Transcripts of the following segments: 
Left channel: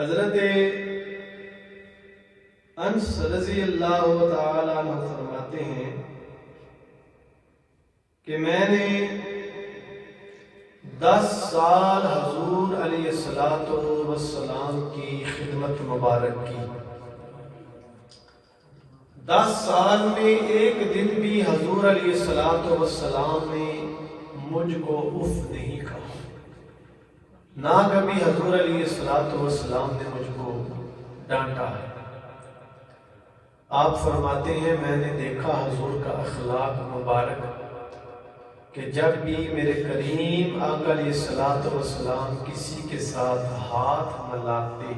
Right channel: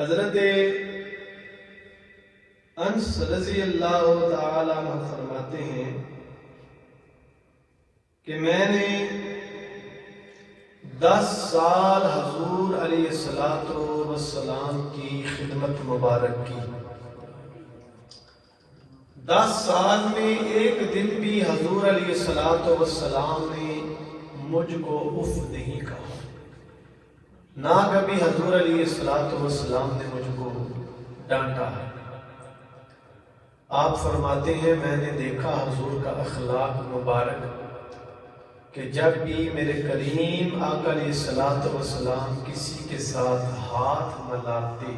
حضرت انس رضی اللہ تعالی عنہ فرماتے ہیں کہ میں نے 10 سال حضور علیہ السلام کی خدمت مبارک کی. 10 سال میں ایک دن بھی حضور علیہ السلام نے مجھ کو اف نہیں کہا، نہ کبھی حضور علیہ السلام نے مجھ کو ڈانٹا ہے. آپ فرماتے ہیں میں نے دیکھا حضور کا اخلاق مبارک کہ جب بھی میرے کریم آقا علیہ السلام کسی کے ساتھ ہاتھ ملاتے،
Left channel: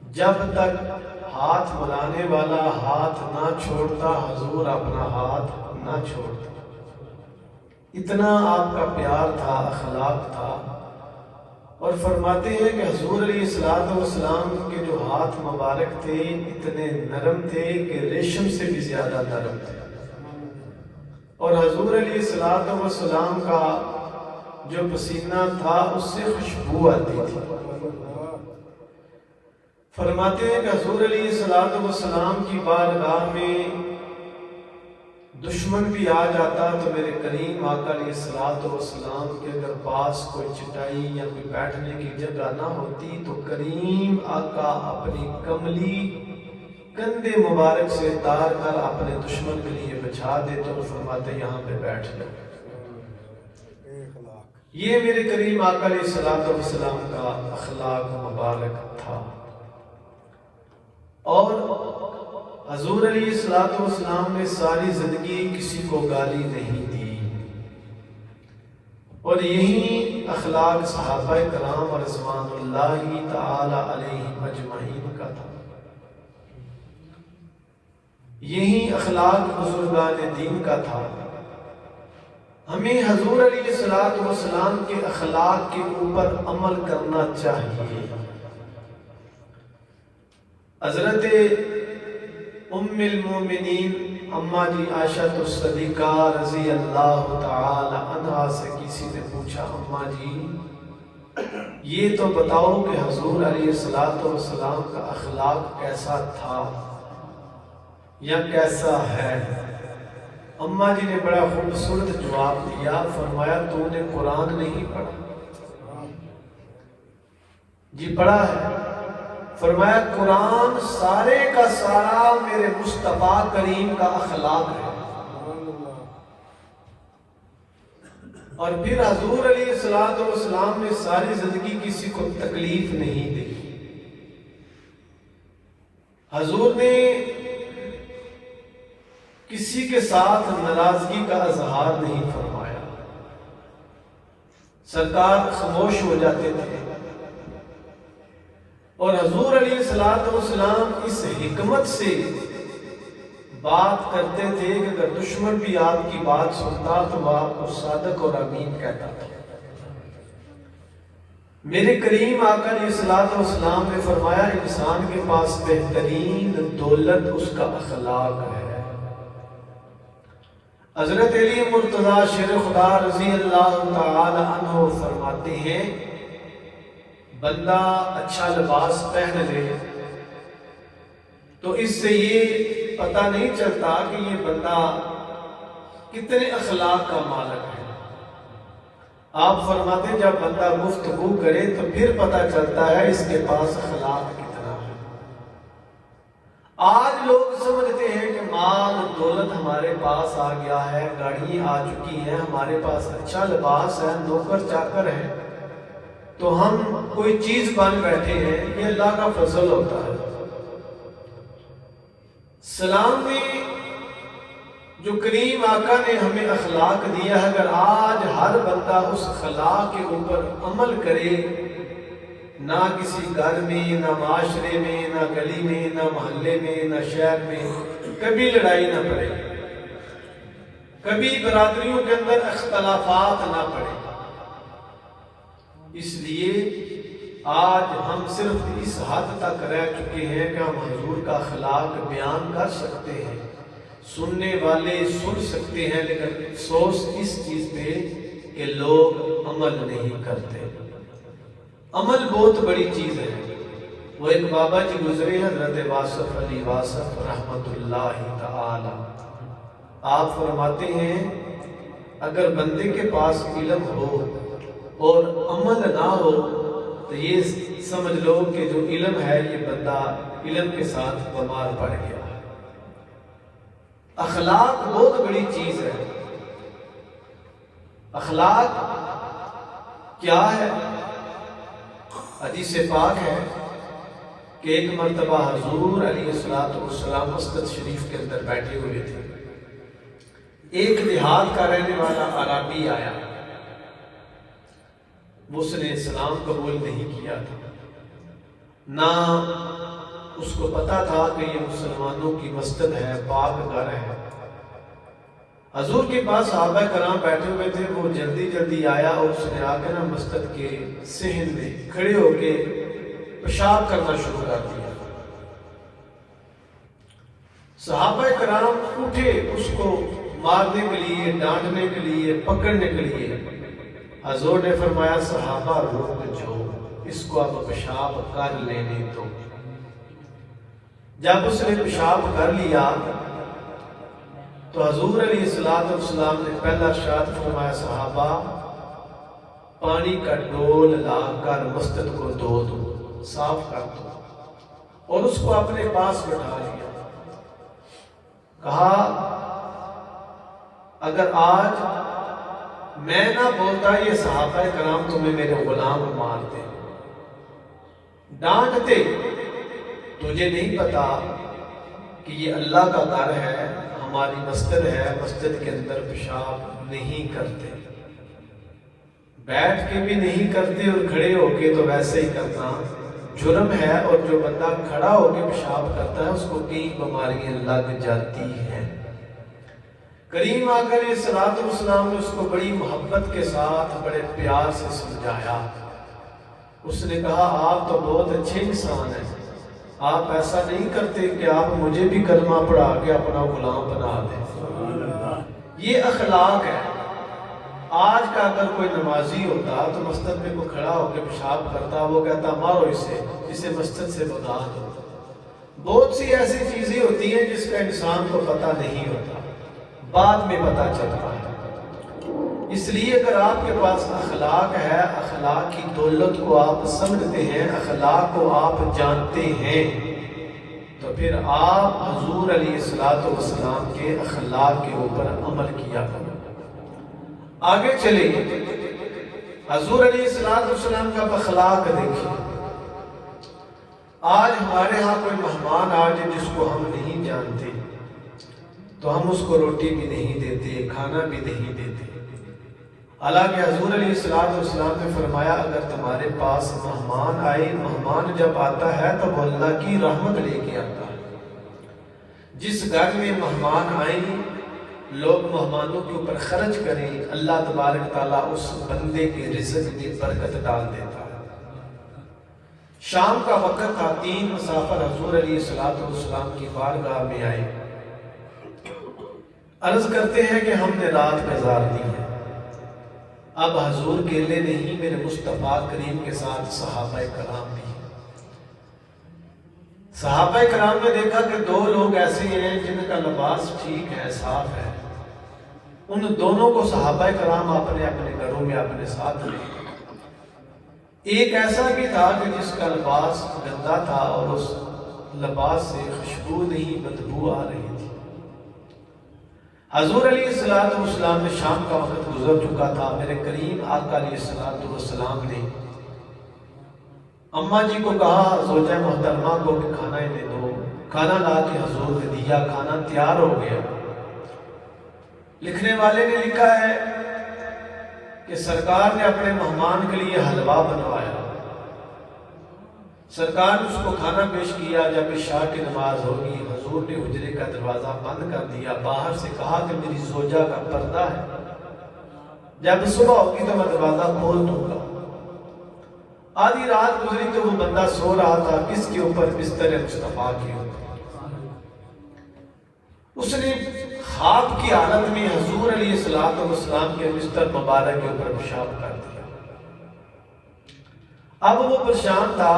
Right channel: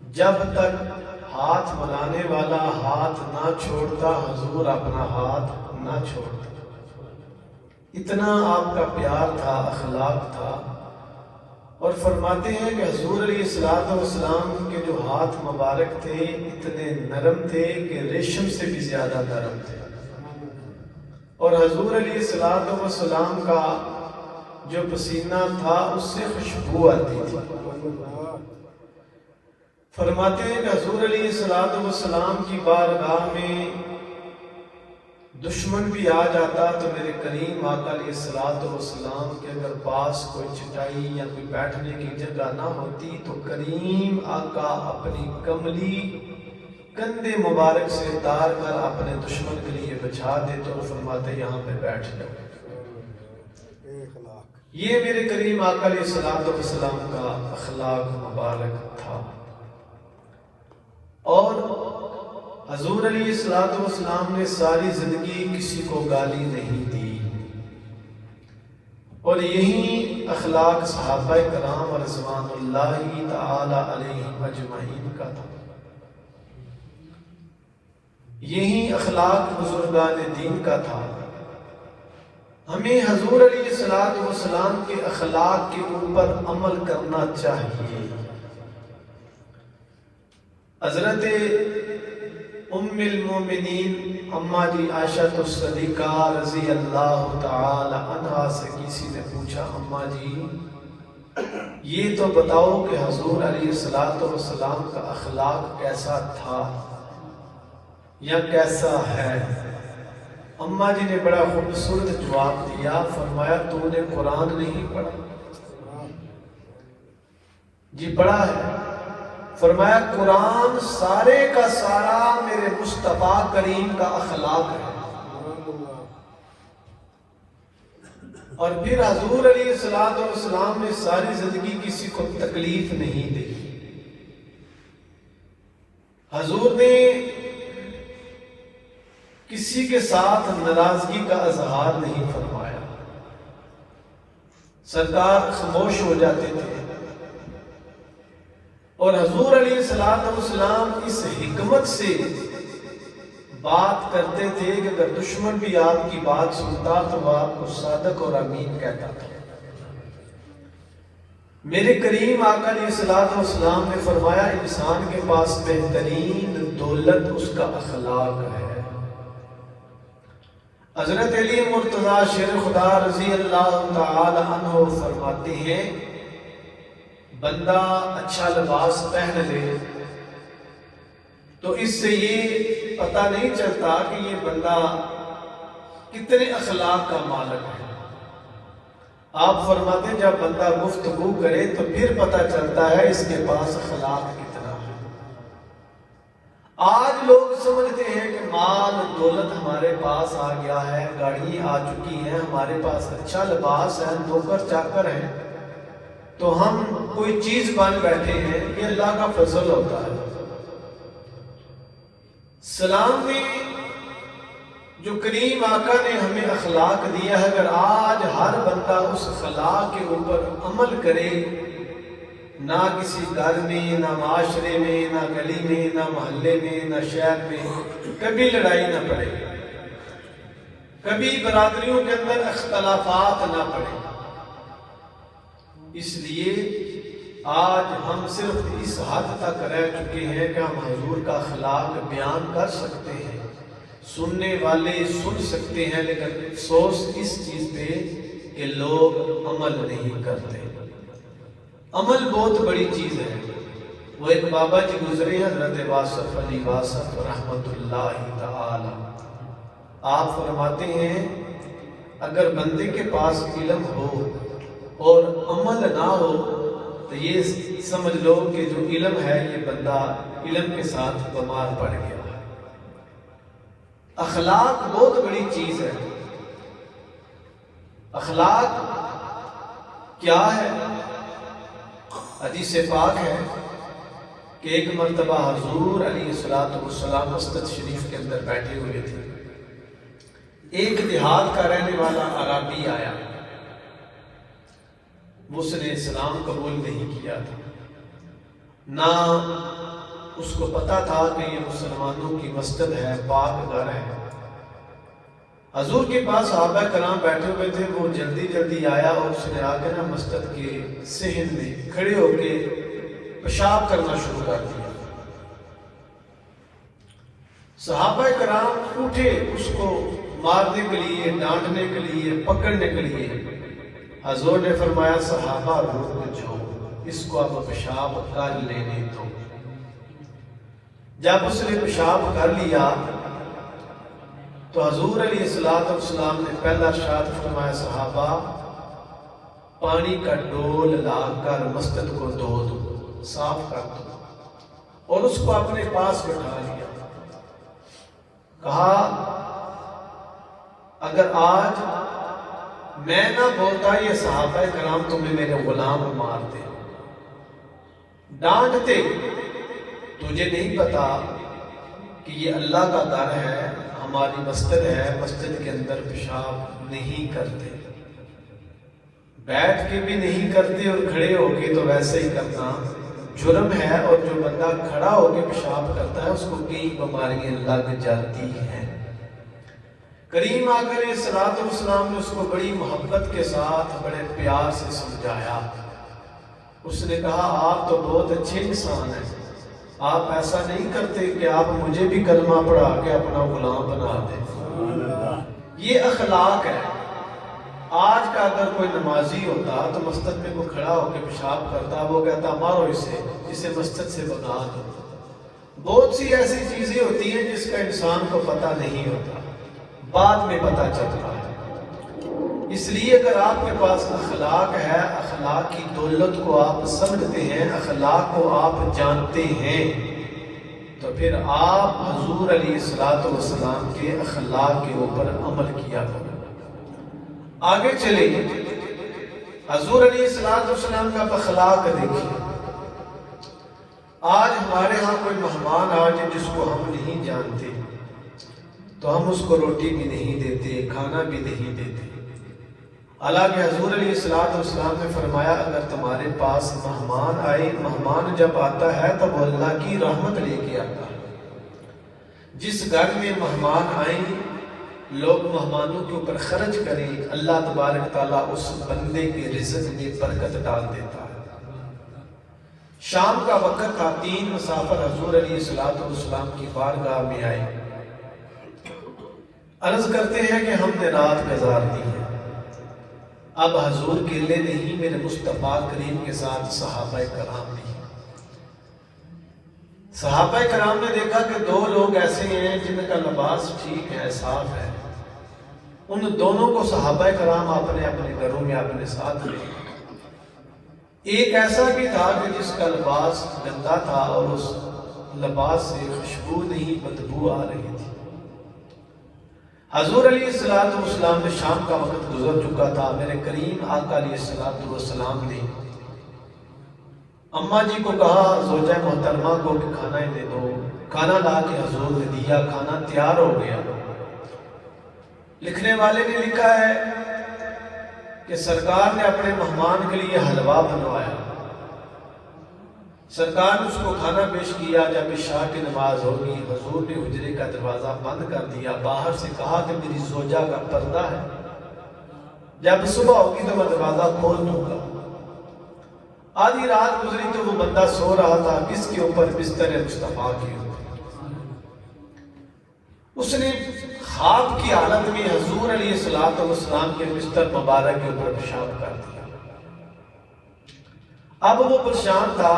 جب تک ہاتھ ملانے والا ہاتھ نہ چھوڑتا حضور اپنا ہاتھ نہ چھوڑتا. اتنا آپ کا پیار تھا، اخلاق تھا. اور فرماتے ہیں کہ حضور علیہ السلام کے جو ہاتھ مبارک تھے اتنے نرم تھے کہ ریشم سے بھی زیادہ نرم تھے. اور حضور علیہ السلام کا جو پسینہ تھا اس سے خوشبو آتی تھی. فرماتے ہیں کہ حضور علیہ السلام کی بارگاہ میں دشمن بھی آ جاتا تو میرے کریم آقا علیہ السلام کے اگر پاس کوئی چٹائی یا کوئی بیٹھنے کی جگہ نہ ہوتی تو کریم آقا اپنی کملی کندھے مبارک سے اتار کر اپنے دشمن کے لیے بچھا دیتے اور فرماتے یہاں پہ بیٹھ جاؤ. یہ میرے کریم آقا علیہ السلام کا اخلاق مبارک تھا. اور حضور علیہ السلام نے ساری زندگی کسی کو گالی نہیں دی. اور یہی اخلاق صحابہ کرام رضوان اللہ تعالی علیہم اجمعین کا تھا. یہی اخلاق بزرگان دین کا تھا. ہمیں حضور علیہ السلام کے اخلاق کے اوپر عمل کرنا چاہیے. حضرت ام المومنین اماں جی عائشہ الصدیقہ رضی اللہ تعالی عنہا سے کسی نے پوچھا اماں جی یہ تو بتاؤ کہ حضور علیہ السلام کا اخلاق کیسا تھا یا کیسا ہے. اماں جی نے بڑا خوبصورت جواب دیا. فرمایا تو نے قرآن نہیں پڑھا؟ جی پڑھا ہے. فرمایا قرآن سارے کا سارا میرے مصطفیٰ کریم کا اخلاق ہے. اور پھر حضور علیہ السلام نے ساری زندگی کسی کو تکلیف نہیں دی. حضور نے کسی کے ساتھ ناراضگی کا اظہار نہیں فرمایا. سرکار خاموش ہو جاتے تھے. اور حضور علیہ السلام اس حکمت سے بات کرتے تھے کہ اگر دشمن بھی آپ کی بات سنتا تو وہ آپ کو صادق اور امین کہتا تھا. میرے کریم آقا علیہ السلام نے فرمایا انسان کے پاس بہترین دولت اس کا اخلاق ہے. حضرت علی مرتضیٰ شیر خدا رضی اللہ تعالی عنہ فرماتے ہیں بندہ اچھا لباس پہن لے تو اس سے یہ پتہ نہیں چلتا کہ یہ بندہ کتنے اخلاق کا مالک ہے. آپ فرماتے ہیں جب بندہ گفتگو کرے تو پھر پتہ چلتا ہے اس کے پاس اخلاق کتنا ہے. آج لوگ سمجھتے ہیں کہ مال دولت ہمارے پاس آ گیا ہے، گاڑی آ چکی ہے، ہمارے پاس اچھا لباس ہے، نوکر چاکر ہے تو ہم کوئی چیز بن بیٹھے ہیں. یہ اللہ کا فضل ہوتا ہے. سلام میں جو کریم آقا نے ہمیں اخلاق دیا ہے اگر آج ہر بندہ اس اخلاق کے اوپر عمل کرے، نہ کسی گھر میں، نہ معاشرے میں، نہ گلی میں، نہ محلے میں، نہ شہر میں کبھی لڑائی نہ پڑے، کبھی برادریوں کے اندر اختلافات نہ پڑے. اس لیے آج ہم صرف اس حد تک رہ چکے ہیں کہ ہم حضور کا اخلاق بیان کر سکتے ہیں، سننے والے سن سکتے ہیں، لیکن افسوس اس چیز پہ کہ لوگ عمل نہیں کرتے. عمل بہت بڑی چیز ہے. وہ ایک بابا جی گزرے حضرت واصف علی واصف رحمت اللہ تعالی. آپ فرماتے ہیں اگر بندے کے پاس علم ہو اور عمل نہ ہو تو یہ سمجھ لو کہ جو علم ہے یہ بندہ علم کے ساتھ بیمار پڑ گیا. اخلاق بہت بڑی چیز ہے. اخلاق کیا ہے؟ حدیث پاک ہے کہ ایک مرتبہ حضور علیہ السلام مسجد شریف کے اندر بیٹھے ہوئے تھے. ایک دیہات کا رہنے والا عربی آیا. اس نے اسلام قبول نہیں کیا تھا، نہ اس کو پتا تھا کہ یہ مسلمانوں کی مسجد ہے، پاک گھر ہے. حضور کے پاس صحابہ کرام بیٹھے ہوئے تھے. وہ جلدی جلدی آیا اور اس نے آ کے نا مسجد کے صحن میں کھڑے ہو کے پیشاب کرنا شروع کر دیا. صحابہ کرام اٹھے اس کو مارنے کے لیے، ڈانٹنے کے لیے، پکڑنے کے لیے. حضور نے فرمایا صحابہ رک جو، اس کو اب پیشاب کر لینے دو. جب اس نے پیشاب کر لیا تو حضور علیہ السلام نے پہلا ارشاد فرمایا صحابہ پانی کا ڈول لا کر مسجد کو دھو دو، صاف کر دو. اور اس کو اپنے پاس بٹھا لیا. کہا اگر آج میں نہ بولتا یہ صحابہ کرام تمہیں میرے غلام مارتے، ڈانٹتے. تجھے نہیں پتا کہ یہ اللہ کا در ہے، ہماری مسجد ہے، مسجد کے اندر پیشاب نہیں کرتے، بیٹھ کے بھی نہیں کرتے اور کھڑے ہو کے تو ویسے ہی کرنا جرم ہے. اور جو بندہ کھڑا ہو کے پیشاب کرتا ہے اس کو کئی بیماریاں لگ جاتی ہیں. کریم آقا علیہ السلام نے اس کو بڑی محبت کے ساتھ بڑے پیار سے سمجھایا. اس نے کہا آپ تو بہت اچھے انسان ہیں، آپ ایسا نہیں کرتے کہ آپ مجھے بھی کلمہ پڑھا کے اپنا غلام بنا دیں. یہ اخلاق ہے. آج کا اگر کوئی نمازی ہوتا تو مسجد میں وہ کھڑا ہو کے پیشاب کرتا، وہ کہتا مارو اسے مسجد سے بھگا دو. بہت سی ایسی چیزیں ہوتی ہیں جس کا انسان کو پتہ نہیں ہوتا، بعد میں پتہ چلتا ہے. اس لیے اگر آپ کے پاس اخلاق ہے، اخلاق کی دولت کو آپ سمجھتے ہیں، اخلاق کو آپ جانتے ہیں، تو پھر آپ حضور علیہ السلام کے اخلاق کے اوپر عمل کیا کرو. آگے چلیں، حضور علیہ السلام کا اخلاق دیکھیے. آج ہمارے ہاں کوئی مہمان آئے جس کو ہم نہیں جانتے تو ہم اس کو روٹی بھی نہیں دیتے، کھانا بھی نہیں دیتے. حالانکہ حضور علیہ السلام نے فرمایا اگر تمہارے پاس مہمان آئے، مہمان جب آتا ہے تو وہ اللہ کی رحمت لے کے آتا ہے. جس گھر میں مہمان آئیں لوگ مہمانوں کے اوپر خرچ کریں، اللہ تبارک تعالیٰ اس بندے کے رزق میں برکت ڈال دیتا ہے. شام کا وقت تھا. 3 مسافر حضور علیہ السلام کی بارگاہ میں آئے. عرض کرتے ہیں کہ ہم نے رات گزار دی ہے. اب حضور اکیلے نہیں، میرے مصطفیٰ کریم کے ساتھ صحابہ کرام بھی. صحابہ کرام نے دیکھا کہ 2 لوگ ایسے ہیں جن کا لباس ٹھیک ہے، صاف ہے. ان دونوں کو صحابہ کرام اپنے اپنے گھروں میں اپنے ساتھ لے. ایک ایسا بھی تھا کہ جس کا لباس گندا تھا اور اس لباس سے خوشبو نہیں، بدبو آ رہی تھی. حضور علیہ السلام نے شام کا وقت گزر چکا تھا. میرے کریم آقا علیہ السلام نے اماں جی کو کہا زوجہ محترمہ کو کہ کھانا دے دو. کھانا لا کے حضور نے دیا. کھانا تیار ہو گیا. لکھنے والے نے لکھا ہے کہ سرکار نے اپنے مہمان کے لیے حلوہ بنوایا. سرکار نے اس کو کھانا پیش کیا. جب عشاء کی نماز ہوگی حضور نے حجرے کا دروازہ بند کر دیا. باہر سے کہا کہ میری زوجہ کا پردہ ہے، جب صبح ہوگی تو میں دروازہ کھول دوں گا. آدھی رات گزری تو وہ بندہ سو رہا تھا. کس کے اوپر؟ بستر مصطفیٰ کے اوپر. اس نے خواب کی حالت میں حضور علیہ السلام کے بستر مبارک کے اوپر پیشاب کر دیا. اب وہ پریشان تھا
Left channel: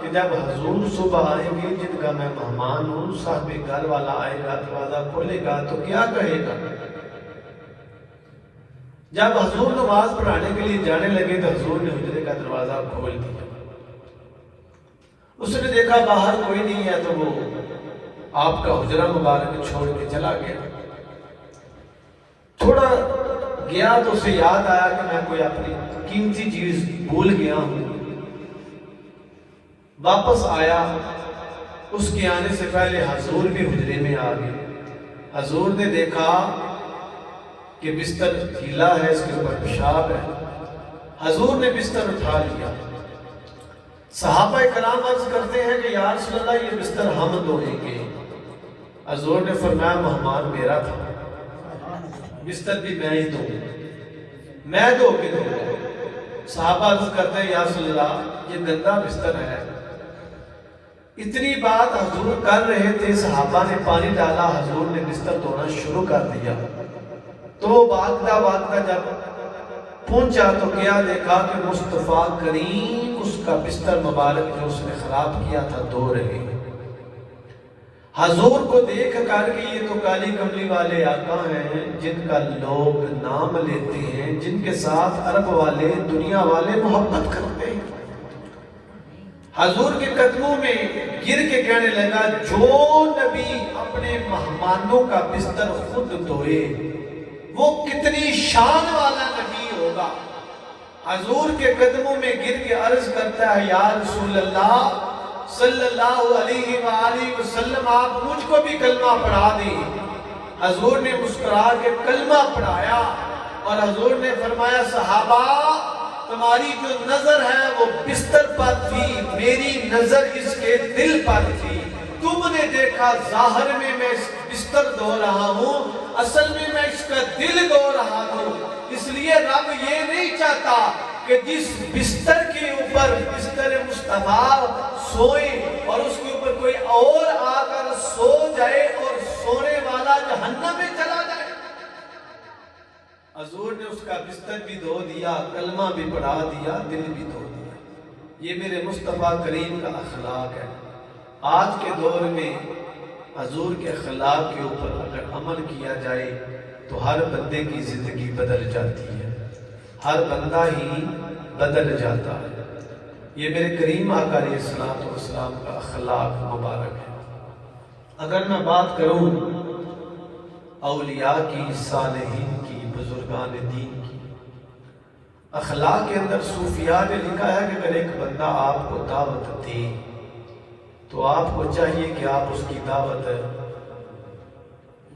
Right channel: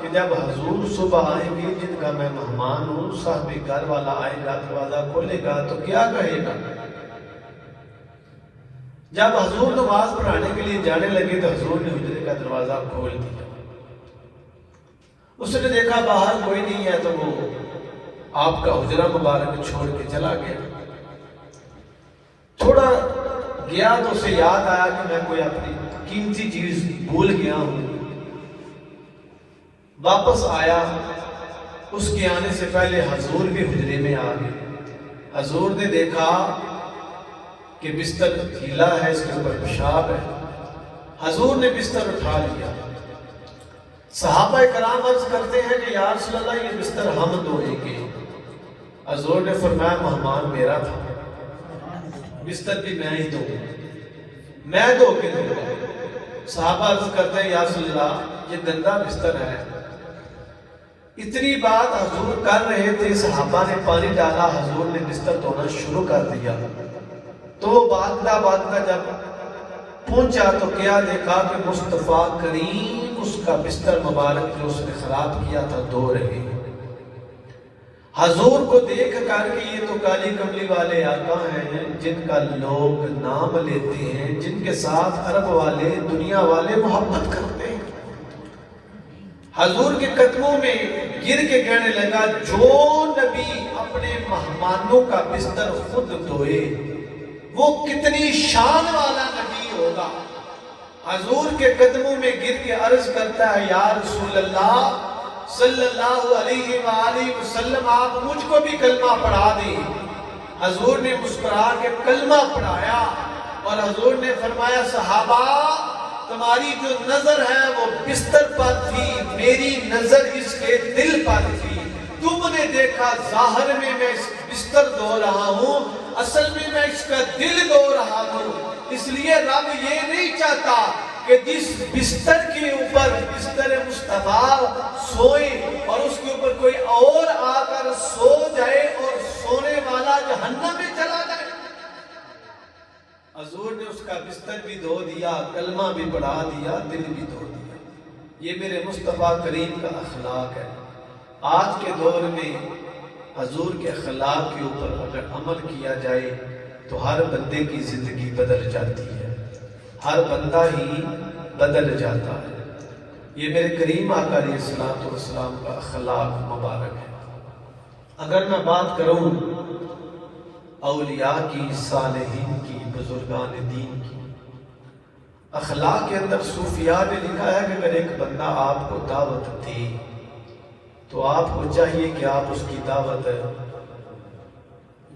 کہ جب حضور صبح آئیں گے جن کا میں مہمان ہوں، صاحب گھر والا آئے گا، دروازہ کھولے گا تو کیا کہے گا؟ جب حضور نماز پڑھانے کے لیے جانے لگے تو حضور نے حجرے کا دروازہ کھول دیا۔ اس نے دیکھا باہر کوئی نہیں ہے تو وہ آپ کا حجرہ مبارک چھوڑ کے چلا گیا۔ تھوڑا گیا تو اسے یاد آیا کہ میں کوئی اپنی قیمتی چیز بھول گیا ہوں۔ واپس آیا، اس کے آنے سے پہلے حضور بھی حجرے میں آ گئے۔ حضور نے دیکھا کہ بستر ڈھیلا ہے، اس کے اوپر پیشاب ہے۔ حضور نے بستر اٹھا لیا۔ صحابہ کرام عرض کرتے ہیں کہ یا رسول اللہ یہ بستر ہم دھوئیں گے۔ حضور نے فرمایا مہمان میرا تھا، بستر بھی میں ہی دوں، میں دھو کے دوں گا۔ صحابہ عرض کرتے ہیں یا رسول اللہ یہ گندا بستر ہے۔ اتنی بات حضور کر رہے تھے، صحابہ نے پانی ڈالا، حضور نے بستر دھونا شروع کر دیا۔ تو وہ بھاگتا جب پہنچا تو کیا دیکھا کہ مصطفیٰ کریم اس کا بستر مبارک جو اس نے خراب کیا تھا دھو رہے۔ حضور کو دیکھ کر کہ یہ تو کالی کملی والے آقا ہیں جن کا لوگ نام لیتے ہیں، جن کے ساتھ عرب والے دنیا والے محبت کرتے ہیں، حضور کے قدموں میں گر کے کہنے لگا جو نبی اپنے مہمانوں کا بستر خود دھوئے وہ کتنی شان والا نبی ہوگا۔ حضور کے قدموں میں گر کے عرض کرتا ہے یا رسول اللہ صلی اللہ علیہ وآلہ وسلم آپ مجھ کو بھی کلمہ پڑھا دیں۔ حضور نے مسکرا کے کلمہ پڑھایا اور حضور نے فرمایا صحابہ تمہاری جو نظر ہے وہ بستر پر تھی، میری نظر اس کے دل پر تھی۔ تم نے دیکھا ظاہر میں اس بستر دھو رہا ہوں، اصل میں اس کا دل دھو رہا ہوں۔ اس لیے رب یہ نہیں چاہتا کہ جس بستر کے اوپر بستر مصطفیٰ سوئے اور اس کے اوپر کوئی اور آ کر سو جائے اور سونے والا جہنم میں چلا جائے۔ حضور نے اس کا بستر بھی دھو دیا، کلمہ بھی پڑھا دیا، دل بھی دھو دیا۔ یہ میرے مصطفیٰ کریم کا اخلاق ہے۔ آج کے دور میں حضور کے اخلاق کے اوپر اگر عمل کیا جائے تو ہر بندے کی زندگی بدل جاتی ہے، ہر بندہ ہی بدل جاتا ہے۔ یہ میرے کریم آقا علیہ السلام کا اخلاق مبارک ہے۔ اگر میں بات کروں اولیاء کی، صالحین کی، بزرگان دین کی، اخلاق کے اندر صوفیاء نے لکھا ہے کہ اگر ایک بندہ آپ کو دعوت دے تو آپ کو چاہیے کہ آپ اس کی دعوت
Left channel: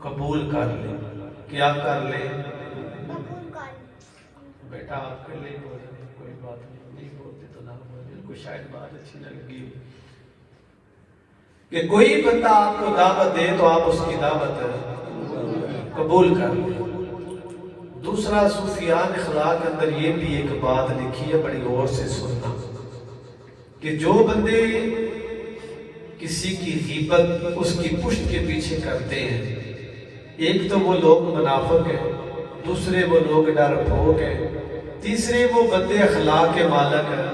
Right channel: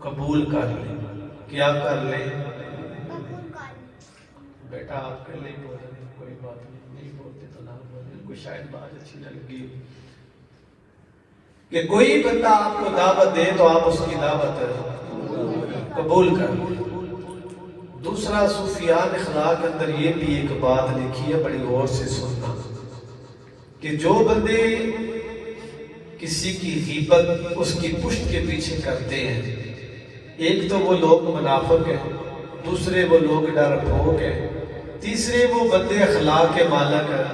قبول کر لیں۔ کیا کر لیں؟ بیٹا آپ کے لیے بول رہے ہیں، کوئی بات نہیں بولتے تو نہ بولیں، کوئی شاید بات اچھی نہ لگی کہ کوئی بندہ آپ کو دعوت دے تو آپ اس کی دعوت قبول کر لیں۔ دوسرا صوفیاء اخلاق کے اندر یہ بھی ایک بات لکھی ہے، بڑی غور سے سننا، کہ جو بندے کسی کی غیبت اس کی پشت کے پیچھے کرتے ہیں، ایک تو وہ لوگ منافق ہیں، دوسرے وہ لوگ ڈرپوک ہیں، تیسرے وہ بندے اخلاق کے مالک ہیں۔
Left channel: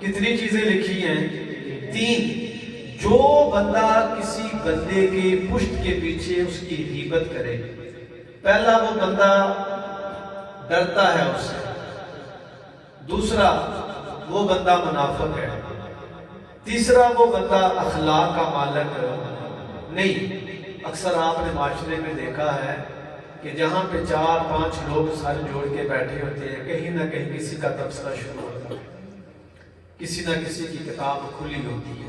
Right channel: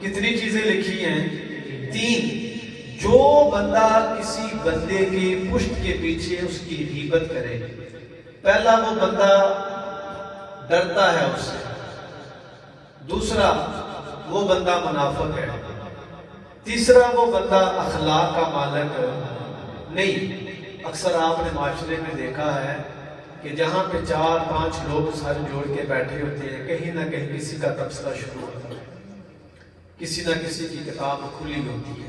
کتنی چیزیں لکھی ہیں؟ 3۔ جو بندہ کسی بندے کی پشت کے پیچھے اس کی غیبت کرے، پہلا وہ بندہ ڈرتا ہے اس سے، دوسرا وہ بندہ منافق ہے، تیسرا وہ بندہ اخلاق کا مالک نہیں۔ اکثر آپ نے معاشرے میں دیکھا ہے کہ جہاں پہ 4-5 لوگ سر جوڑ کے بیٹھے ہوتے ہیں، کہیں نہ کہیں کسی کا تبصرہ شروع ہوتا ہے، کسی نہ کسی کی کتاب کھلی ہوتی ہے،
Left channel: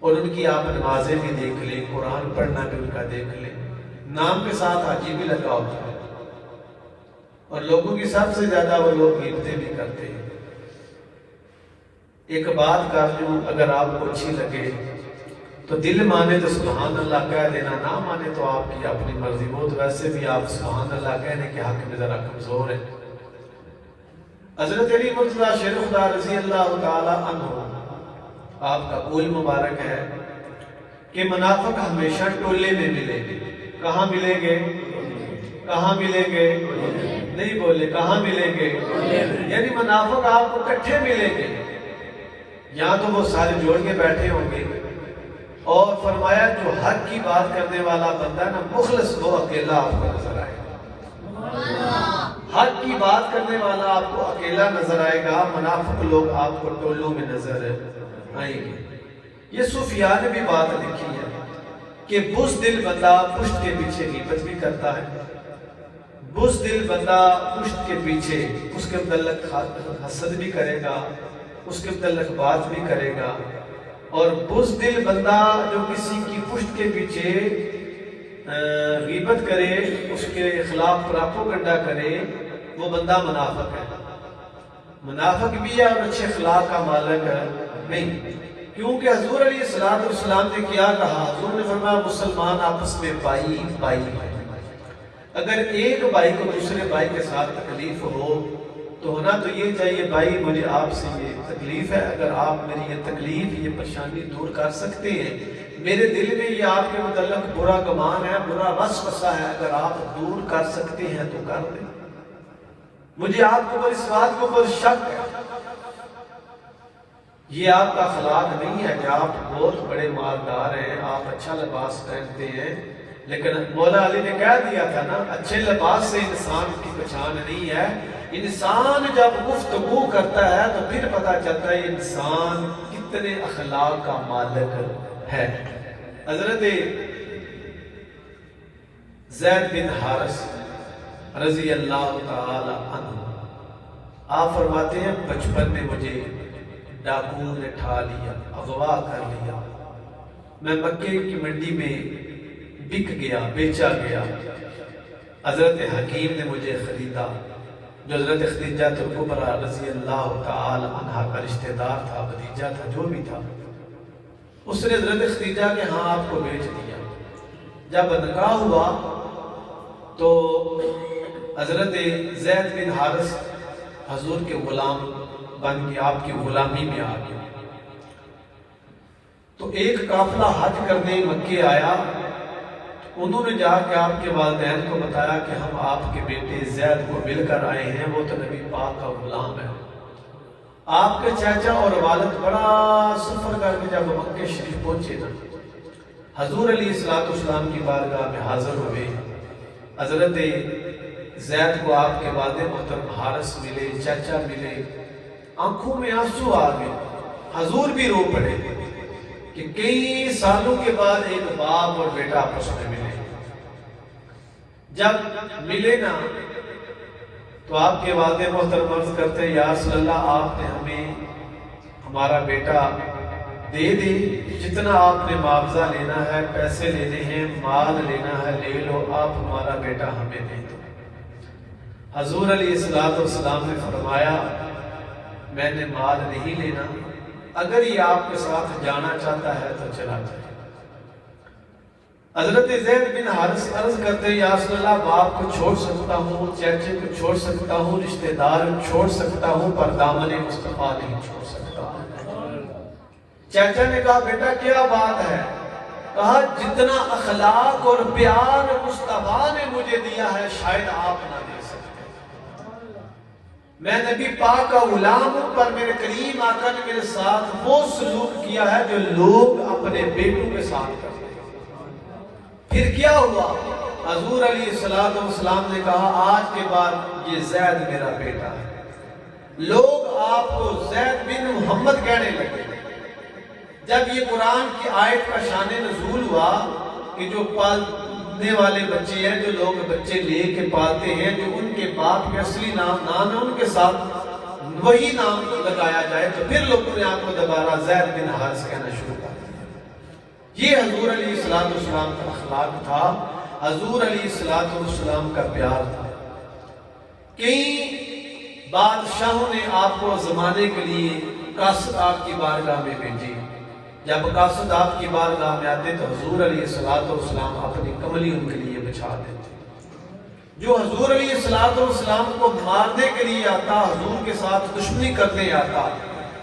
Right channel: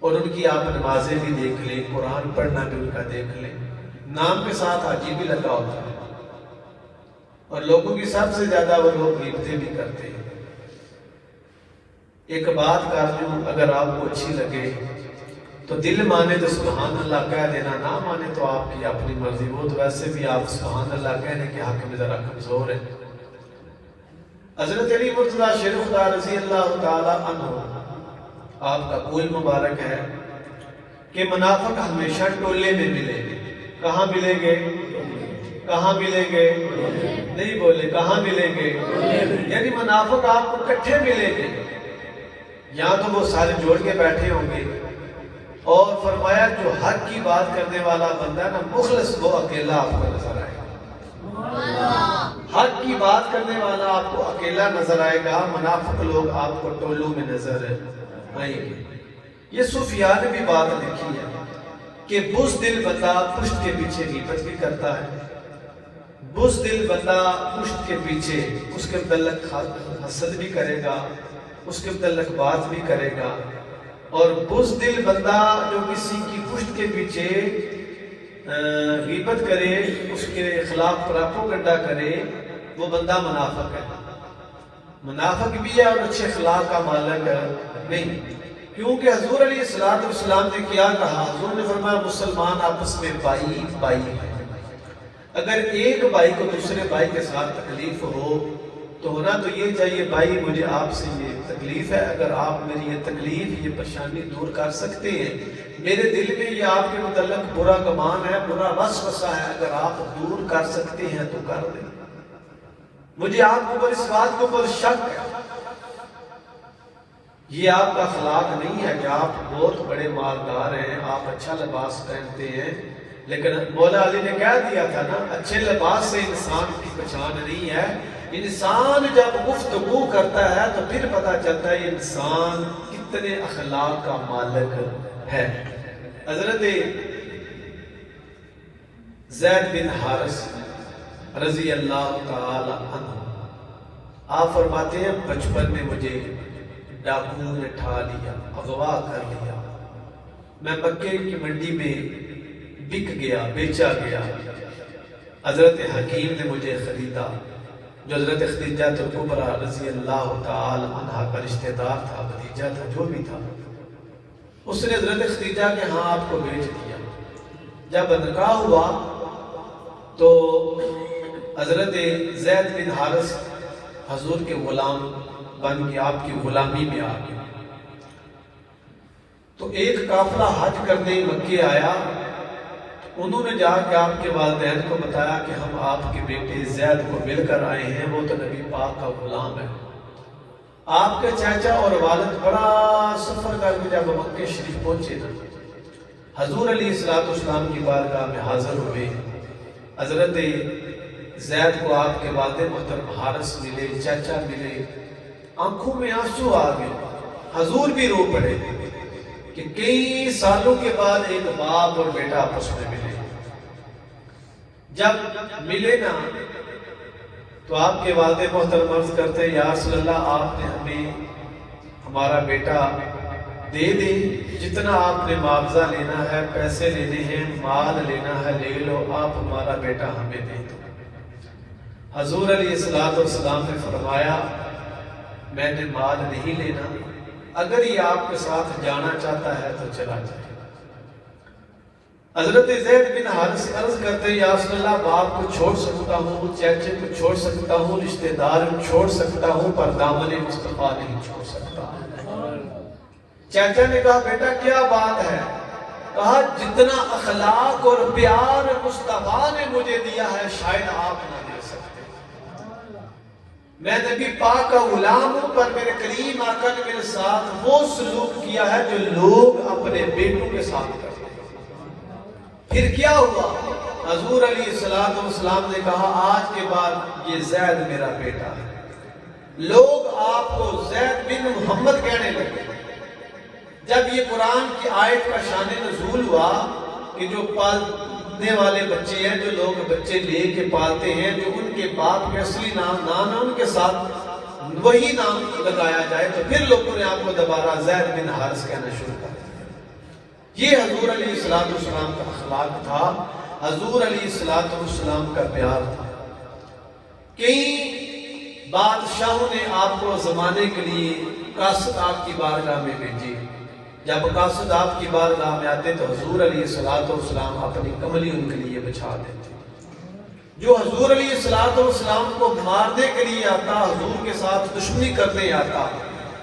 اور ان کی آپ نمازیں بھی دیکھ لیں، قرآن پڑھنا بھی ان کا دیکھ لیں، نام کے ساتھ حاجی بھی لگا ہوتا ہے، اور لوگوں کی سب سے زیادہ وہ لوگ غیبتیں بھی کرتے ہیں۔ ایک بات کر لوں، اگر آپ کو اچھی لگے تو دل مانے تو سبحان اللہ کہہ دینا، نہ مانے تو آپ کی اپنی مرضی، وہ تو ویسے بھی آپ سبحان اللہ کہنے کے حق میں ذرا کمزور ہے۔ حضرت علی مرتضیٰ شیخ خدا رضی اللہ تعالی عنہ، آپ کا قول مبارک ہے کہ منافق ہمیشہ ٹولے میں ملیں گے۔ کہاں ملیں گے؟ کہاں ملیں گے؟ نہیں بولے کہاں ملیں گے؟ یعنی منافق آپ کو کٹھے ملیں گے، یا تو وہ سارے جوڑ کے بیٹھے ہوں گے، اور فرمایا جو حق کی بات کرنے والا بندہ نا مخلص وہ اکیلا آپ کو نظر آئے گا، حق کی بات کرنے والا آپ کو اکیلا نظر آئے گا، منافق لوگ آپ کو ٹولوں میں نظر آئیں گے۔ یہ صوفیاء نے بھی بات لکھی ہے کہ بزدل بندہ پشت کے پیچھے غیبت بھی کرتا ہے، بزدل بندہ پشت کے پیچھے اس کے متعلق حسد بھی کرے گا، اس کے متعلق بات بھی کرے گا، اور بزدل بندہ جو کسی کی پشت کے پیچھے غیبت کرے، اس کے خلاف پراپوگنڈا کرے، وہ بندہ منافق ہے، منافق بھی ہے اور اچھے اخلاق کا مالک نہیں، کیونکہ حضور علیہ السلام نے کیا کہا؟ حضور نے فرمایا مسلمان آپس میں بائی بائی ہے، اگر ایک بھائی کو دوسرے بھائی کے ساتھ تکلیف ہو تو ہونا تو یہ چاہیے بھائی مجھے آپ سے یہ تکلیف ہے، اگر آپ میری یہ تکلیف یہ پریشانی دور کر سکتے ہیں، میرے دل میں یہ آپ کے متعلق برا گمان ہے، برا وسوسہ ہے، اگر آپ دور کر سکتے ہیں تو کر دیں، مجھے آپ کو اس بات کے اوپر شک ہے۔ یہ آپ کا اخلاق نہیں ہے کہ آپ بہت بڑے مالدار ہیں، آپ اچھا لباس پہنتے ہیں، لیکن مولا علی نے کہہ دیا تھا نا اچھے لباس سے انسان کی پہچان نہیں ہے، انسان جب گفتگو کرتا ہے تو پھر پتا چلتا ہے انسان کتنے اخلاق کا مالک ہے۔ حضرت زید بن حارث رضی اللہ تعالی عنہ آپ فرماتے ہیں بچپن میں مجھے ڈاکوؤں نے ٹھا لیا، اغوا کر لیا، میں مکے کی منڈی میں بک گیا، بیچا گیا، حضرت حکیم نے مجھے خریدا، جو حضرت خدیجہ کبریٰ رضی اللہ تعالی عنہ کا رشتہ دار تھا، بھتیجا تھا، جو بھی تھا، اس نے حضرت خدیجہ کے ہاں آپ کو بیچ دیا۔ جب نکاح ہوا تو حضرت زید بن حارث حضور کے غلام بن کے آپ کی غلامی میں آ گیا، تو ایک قافلہ حج کرنے مکے آیا، انہوں نے جا کے آپ کے والدین کو بتایا کہ ہم آپ کے بیٹے زید کو مل کر آئے ہیں، وہ تو نبی پاک کا غلام ہے۔ آپ کے چاچا اور والد بڑا سفر کر کے جب مکے شریف پہنچے نا، حضور علیہ السلام کی بارگاہ میں حاضر ہوئے، حضرت زید کو آپ کے والد محترم حارث ملے، چاچا ملے، آنکھوں میں آنسو آ گئے، حضور بھی رو پڑے کہ کئی سالوں کے بعد ایک باپ اور بیٹا آپس میں ملے۔ جب ملے نا تو آپ کے والد محترم عرض کرتے یا رسول اللہ آپ نے ہمیں ہمارا بیٹا دے دے، جتنا آپ نے معاوضہ لینا ہے، پیسے لینے ہیں، مال لینا ہے لے لو، آپ ہمارا بیٹا ہمیں دے دو۔ حضور علیہ السلام نے فرمایا میں نے مال نہیں لینا، اگر یہ آپ کے ساتھ جانا چاہتا ہے تو چلا جائے۔ حضرت زید بن حارث عرض کرتے یا رسول اللہ باپ کو چھوڑ سکتا ہوں، چاچے کو چھوڑ سکتا ہوں، رشتہ دار چھوڑ سکتا ہوں، پر دامن مصطفیٰ نہیں چھوڑ سکتا۔ چاچا نے کہا بیٹا کیا بات ہے؟ کہا جتنا اخلاق اور پیار مصطفیٰ نے مجھے دیا ہے شاید آپ نہ دے سکتے۔ میں نبی پاک کا غلام ہوں، پر میرے کریم آقا نے میرے ساتھ وہ سلوک کیا ہے جو لوگ اپنے بیٹوں کے ساتھ کرتے ہیں۔ پھر کیا ہوا؟ حضور علیہ السلام نے کہا آج کے بعد یہ زید میرا بیٹا ہے۔ لوگ آپ کو زید بن محمد کہنے لگے۔ جب یہ قرآن کی آیت کا شان نزول ہوا کہ جو پالنے والے بچے ہیں، جو لوگ بچے لے کے پالتے ہیں، جو ان کے باپ کے اصلی نام نہ ان کے ساتھ وہی نام لگایا جائے، تو پھر لوگوں نے آپ کو دوبارہ زید بن حارث کہنا شروع کر دیا۔ یہ حضور علیہ السلام کا اخلاق تھا، حضور علیہ السلام کا پیار تھا۔ کئی بادشاہوں نے آپ کو زمانے کے لیے قاصد آپ کی بارگاہ میں بھیجے۔ جب قاصد آپ کی بارگاہ میں آتے تو حضور علیہ السلام اپنی کملی ان کے لیے بچھا دیتے۔ جو حضور علیہ السلام کو مارنے کے لیے آتا، حضور کے ساتھ دشمنی کرنے آتا،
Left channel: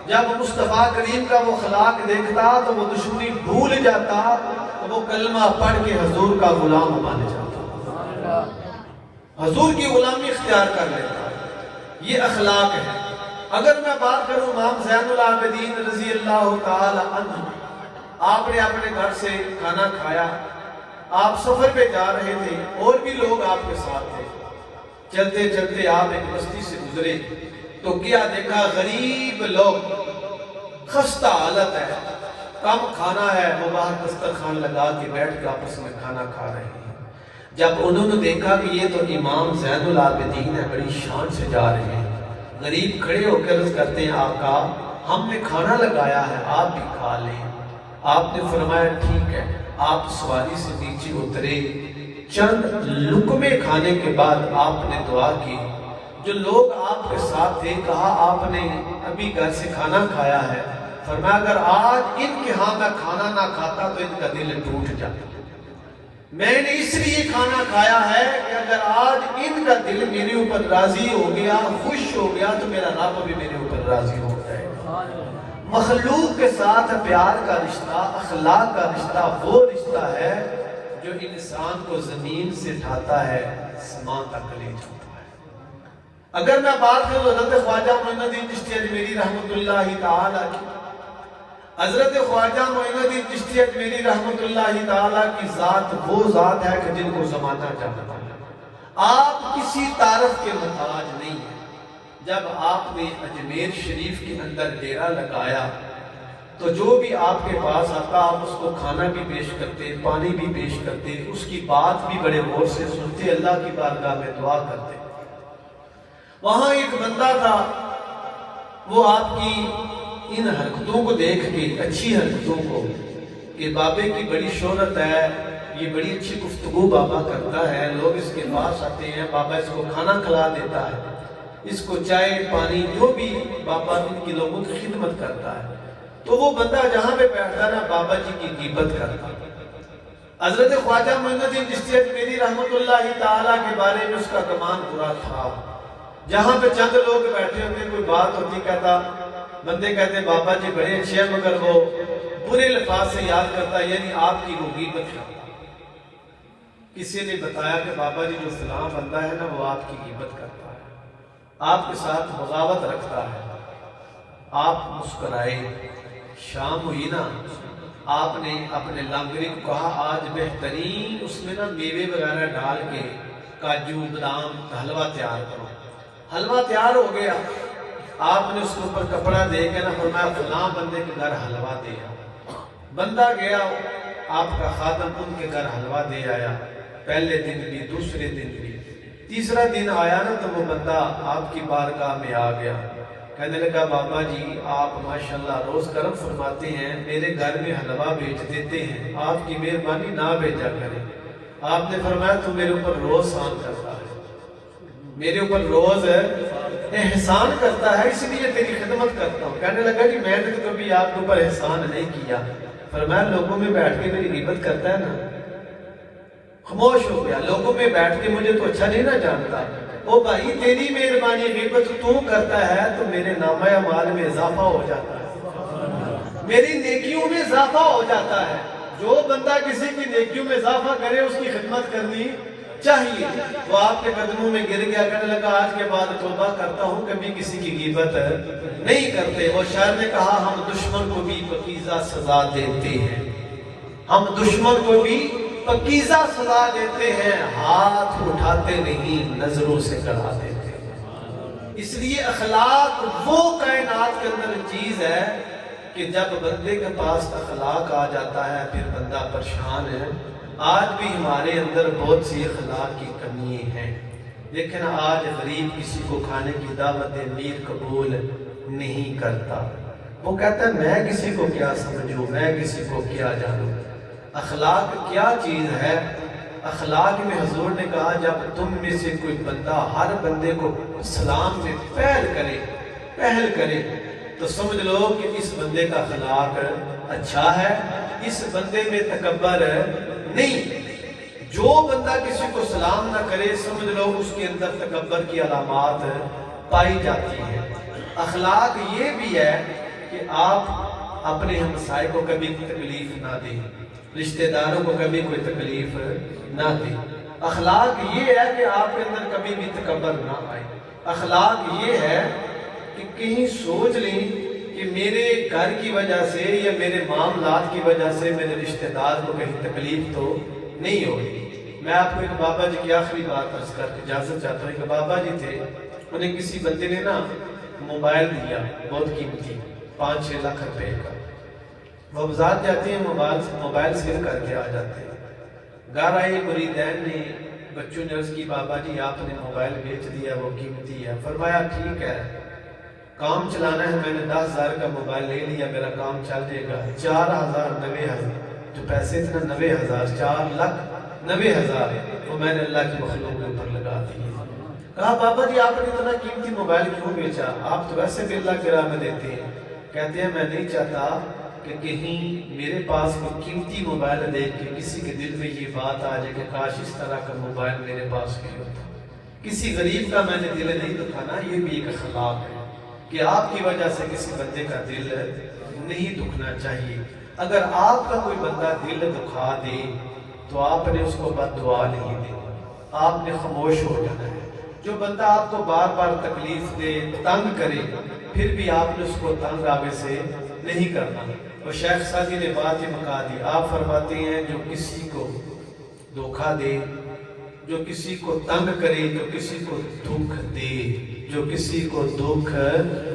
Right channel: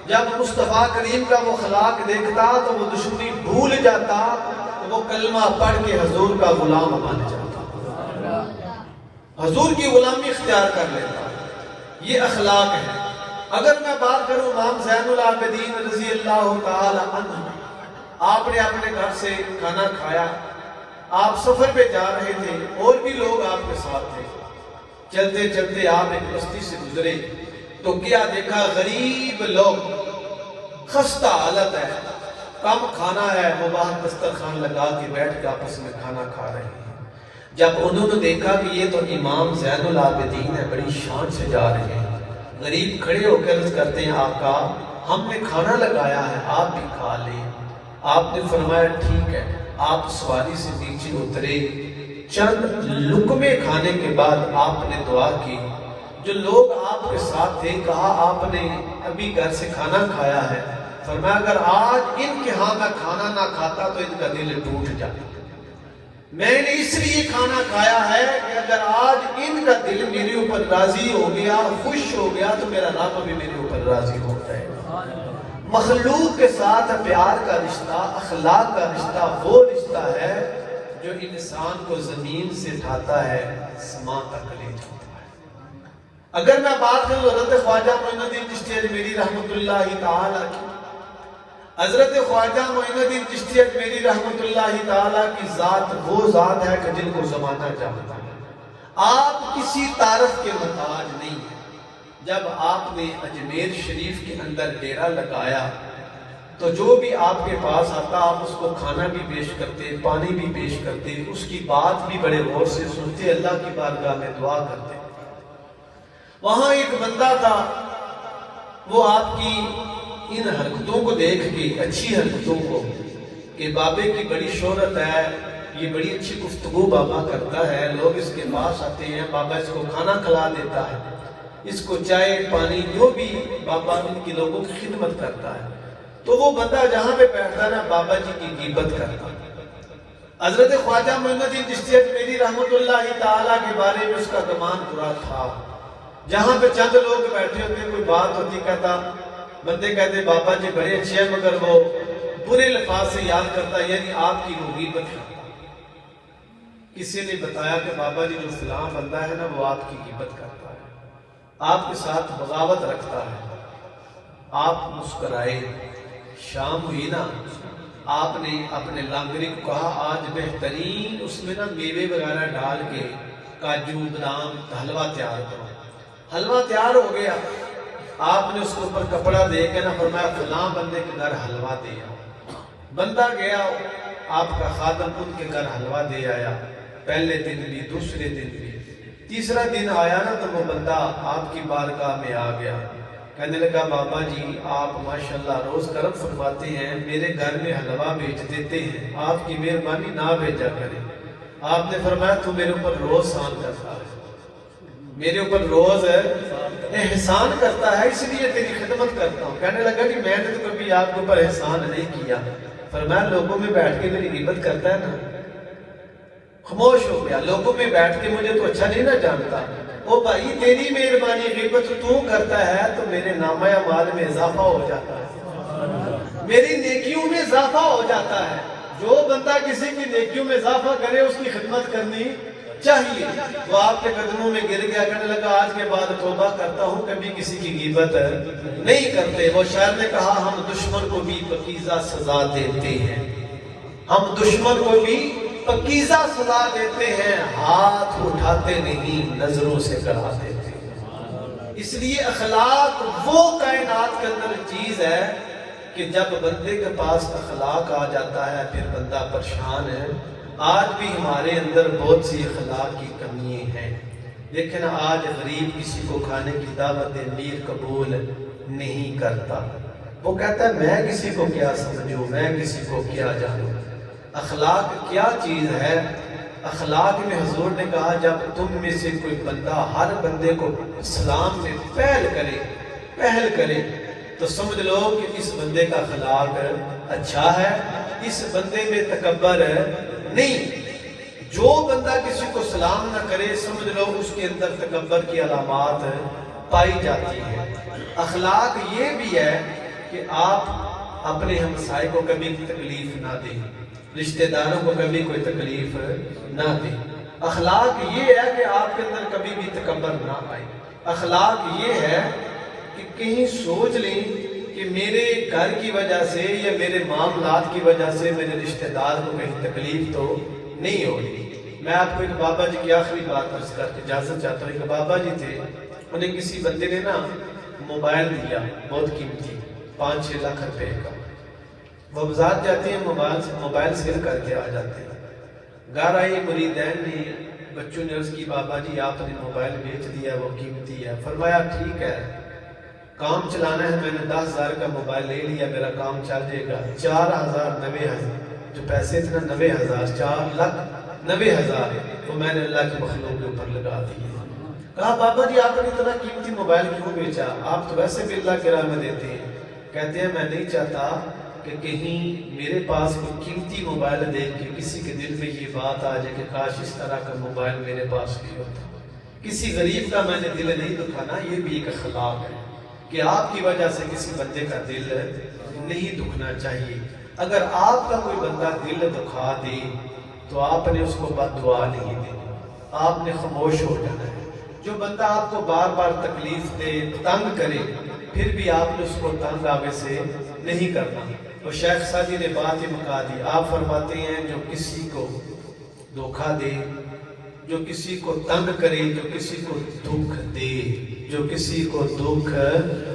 جب مصطفیٰ کریم کا وہ اخلاق دیکھتا تو وہ دشمنی بھول جاتا، تو وہ کلمہ پڑھ کے حضور کا غلام بن جاتا۔ حضور کی غلامی اختیار کر لیتا ہے، یہ اخلاق ہے۔ اگر میں بات کروں امام زین العابدین رضی اللہ تعالی عنہ، آپ نے اپنے گھر سے کھانا کھایا، آپ سفر پہ جا رہے تھے، اور بھی لوگ آپ کے ساتھ تھے، چلتے چلتے آپ ایک بستی سے گزرے تو کیا دیکھا، غریب لوگ، خستہ حالت ہے، کم کھانا ہے، وہ باہر دسترخوان لگا کے بیٹھ کے آپس میں کھانا کھا رہے ہیں۔ جب انہوں نے دیکھا کہ یہ تو امام زین العابدین ہے، بڑی شان سے جا رہے ہیں، غریب کھڑے ہو کے عرض کرتے ہیں آقا ہم نے کھانا لگایا ہے، آپ بھی کھا لیں۔ آپ نے فرمایا ٹھیک ہے۔ آپ سواری سے نیچے اترے، چند لقمے کھانے کے بعد آپ نے دعا کی۔ جو لوگ آپ کے ساتھ تھے کہا آپ نے ابھی گھر سے کھانا کھایا ہے، فرمایا اگر آج ان کے ہاں میں کھانا نہ کھاتا تو ان کا دل ٹوٹ جاتا۔ میں نے اس لیے کھانا کھایا ہے کہ اگر آج ان کا دل میرے اوپر راضی ہو گیا، خوش ہو گیا، تو میرا رب بھی میرے اوپر راضی ہو جائے گا۔ مخلوق کے ساتھ پیار کا رشتہ، اخلاق کا رشتہ وہ رشتہ ہے جو انسان کو زمین سے اٹھاتا ہے، سما تک لے جاتا ہے۔ اگر میں بات کروں حضرت خواجہ معین الدین چشتی اجمیری رحمۃ اللہ تعالیٰ کی، حضرت خواجہ معین الدین چشتی اجمیری رحمۃ اللہ تعالیٰ کی ذات وہ ذات ہے کہ جن کو زمانہ جانتا ہے۔ آپ کسی تعارف کے محتاج نہیں ہیں۔ جب آپ نے اجمیر شریف کے اندر ڈیرا لگایا تو جو بھی آپ کے پاس آتا آپ اس کو کھانا بھی پیش کرتے، پانی بھی پیش کرتے، اس کی بات بھی بڑے غور سے سنتے، اللہ کی بارگاہ میں دعا کرتے۔ وہاں ایک بندہ تھا، وہ آپ کی ان حرکتوں کو دیکھ کے، اچھی حرکتوں کو، کہ بابے کی بڑی شہرت ہے، یہ بڑی اچھی گفتگو بابا کرتا ہے، لوگ اس کے پاس آتے ہیں، بابا اس کو کھانا کھلا دیتا ہے، اس کو چائے پانی جو بھی بابا ان کی لوگوں کی خدمت کرتا ہے۔ تو وہ بندہ جہاں پہ بیٹھتا نا بابا جی کی غیبت کرتا۔ حضرت خواجہ معین الدین چشتی اجمیری رحمۃ اللہ تعالیٰ کے بارے میں اس کا گمان برا تھا۔ جہاں پہ چند لوگ بیٹھے ہوتے، کوئی بات ہوتی، کہتا، بندے کہتے بابا جی بڑے اچھے ہیں مگر وہ برے الفاظ سے یاد کرتا، یعنی آپ کی وہ غیبت کرتا۔ کسی نے بتایا کہ بابا جی جو فلاں بندہ ہے نا وہ آپ کی غیبت کرتا ہے، آپ کے ساتھ بغاوت رکھتا ہے۔ آپ مسکرائے، شام ہوئی نا، آپ نے اپنے لانگری کو کہا آج بہترین اس میں نا میوے وغیرہ ڈال کے کاجو بادام حلوہ تیار کرو۔ حلوہ تیار ہو گیا، آپ نے اس کے اوپر کپڑا دے کے نا فرمایا فلاں بندے کے گھر حلوہ دے آیا۔ بندہ گیا، آپ کا خادم ان کے گھر حلوہ دے آیا، پہلے دن بھی، دوسرے دن بھی، تیسرا دن آیا نا تو وہ بندہ آپ کی بارگاہ میں آ گیا، کہنے لگا بابا جی آپ ماشاءاللہ روز کرم فرماتے ہیں، میرے گھر میں حلوہ بھیج دیتے ہیں، آپ کی مہربانی نہ بھیجا کریں۔ آپ نے فرمایا تو میرے اوپر روز احسان کرتا ہے، میرے اوپر روز احسان کرتا ہے، اس لیے تیری خدمت کرتا ہوں۔ کہنے لگا کہ میں نے تو کبھی آپ کے اوپر احسان نہیں کیا۔ فرمایا لوگوں میں بیٹھ کے میری غیبت کرتا ہے نا۔ خاموش ہو گیا، لوگوں میں بیٹھ کے مجھے تو اچھا نہیں نہ جانتا۔ او بھائی تیری مہربانی، غیبت تو کرتا ہے تو میرے نامہ اعمال میں اضافہ ہو جاتا ہے، میری نیکیوں میں اضافہ ہو جاتا ہے۔ جو بندہ کسی کی نیکیوں میں اضافہ کرے اس کی خدمت کرنی چاہیے۔ وہ آپ کے قدموں میں گر گیا، کہنے لگا آج کے بعد توبہ کرتا ہوں، کبھی کسی کی غیبت نہیں کرتے۔ وہ شاعر نے کہا ہم دشمن کو بھی پکیزہ سزا دیتے ہیں، ہم دشمن کو بھی پکیزہ سزا دیتے ہیں، ہاتھ اٹھاتے نہیں نظروں سے کرا دیتے ہیں۔ اس لیے اخلاق وہ کائنات کے اندر چیز ہے کہ جب بندے کے پاس اخلاق آ جاتا ہے پھر بندہ پریشان ہے۔ آج بھی ہمارے اندر بہت سی اخلاق کی کمیاں ہیں، لیکن آج غریب کسی کو کھانے کی دعوت میر قبول نہیں کرتا۔ وہ کہتا ہے میں کسی کو کیا سمجھوں، میں کسی کو کیا جانوں۔ اخلاق کیا چیز ہے؟ اخلاق میں حضور نے کہا جب تم میں سے کوئی بندہ ہر بندے کو سلام میں پہل کرے تو سمجھ لو کہ اس بندے کا اخلاق اچھا ہے، اس بندے میں تکبر نہیں۔ جو بندہ کسی کو سلام نہ کرے سمجھ لو اس کے اندر تکبر کی علامات پائی جاتی ہے۔ اخلاق یہ بھی ہے کہ آپ اپنے ہمسائے کو کبھی تکلیف نہ دیں، رشتہ داروں کو کبھی کوئی تکلیف نہ دیں۔ اخلاق یہ ہے کہ آپ کے اندر کبھی بھی تکبر نہ آئے. اخلاق یہ ہے کہ کہیں سوچ لیں کہ میرے گھر کی وجہ سے یا میرے معاملات کی وجہ سے میرے رشتہ دار کو کہیں تکلیف تو نہیں ہوگی. میں آپ کو ایک بابا جی کی آخری بات عرض کر کے اجازت چاہتا ہوں. کہ بابا جی تھے, انہیں کسی بندے نے نا موبائل دیا بہت قیمتی 5-6 لاکھ روپے کا. وہ بازار جاتے ہیں, موبائل سیل کر کے آ جاتے ہیں. گھر آئے مریدین نے, بچوں نے عرض کی بابا جی آپ نے موبائل بیچ دیا, وہ قیمتی ہے. فرمایا ٹھیک ہے, کام چلانا ہے, میں نے 10,000 کا موبائل لے لیا, میرا کام چل جائے گا. 4,000 جو پیسے تھے نا 90,000, 4,90,000 وہ میں نے اللہ کی مخلوق کے اوپر لگا دیے. کہا بابا جی آپ نے اتنا قیمتی موبائل کیوں بیچا, آپ تو ویسے بھی اللہ کے راہ میں دیتے ہیں. کہتے ہیں میں نہیں چاہتا کہ کہیں میرے پاس کوئی قیمتی موبائل دیکھ کے کسی کے دل میں یہ بات آ جائے کہ کاش اس طرح کا موبائل میرے پاس بھی ہوتا. کسی غریب کا میں نے دل نہیں دکھانا. یہ بھی ایک اخلاق ہے کہ آپ کی وجہ سے کسی بندے کا دل نہیں دکھنا چاہیے. اگر آپ کا کوئی بندہ دل دکھا دے تو آپ نے اس کو بد دعا نہیں دینی, آپ نے خاموش ہو جانا ہے. جو بندہ آپ کو بار بار تکلیف دے, تنگ کرے, پھر بھی آپ نے اس کو تنگ آگے سے نہیں کرنا. اور شیخ سعدی نے بات یہ مکا دی. آپ فرماتے ہیں جو کسی کو دھوکہ دے, جو کسی کو تنگ کرے, جو کسی کو دکھ دے, جو کسی کو دکھ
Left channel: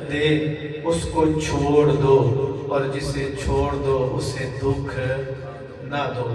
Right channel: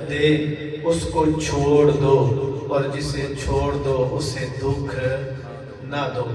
دے اس کو چھوڑ دو, اور جسے چھوڑ دو اسے دکھ نہ دو.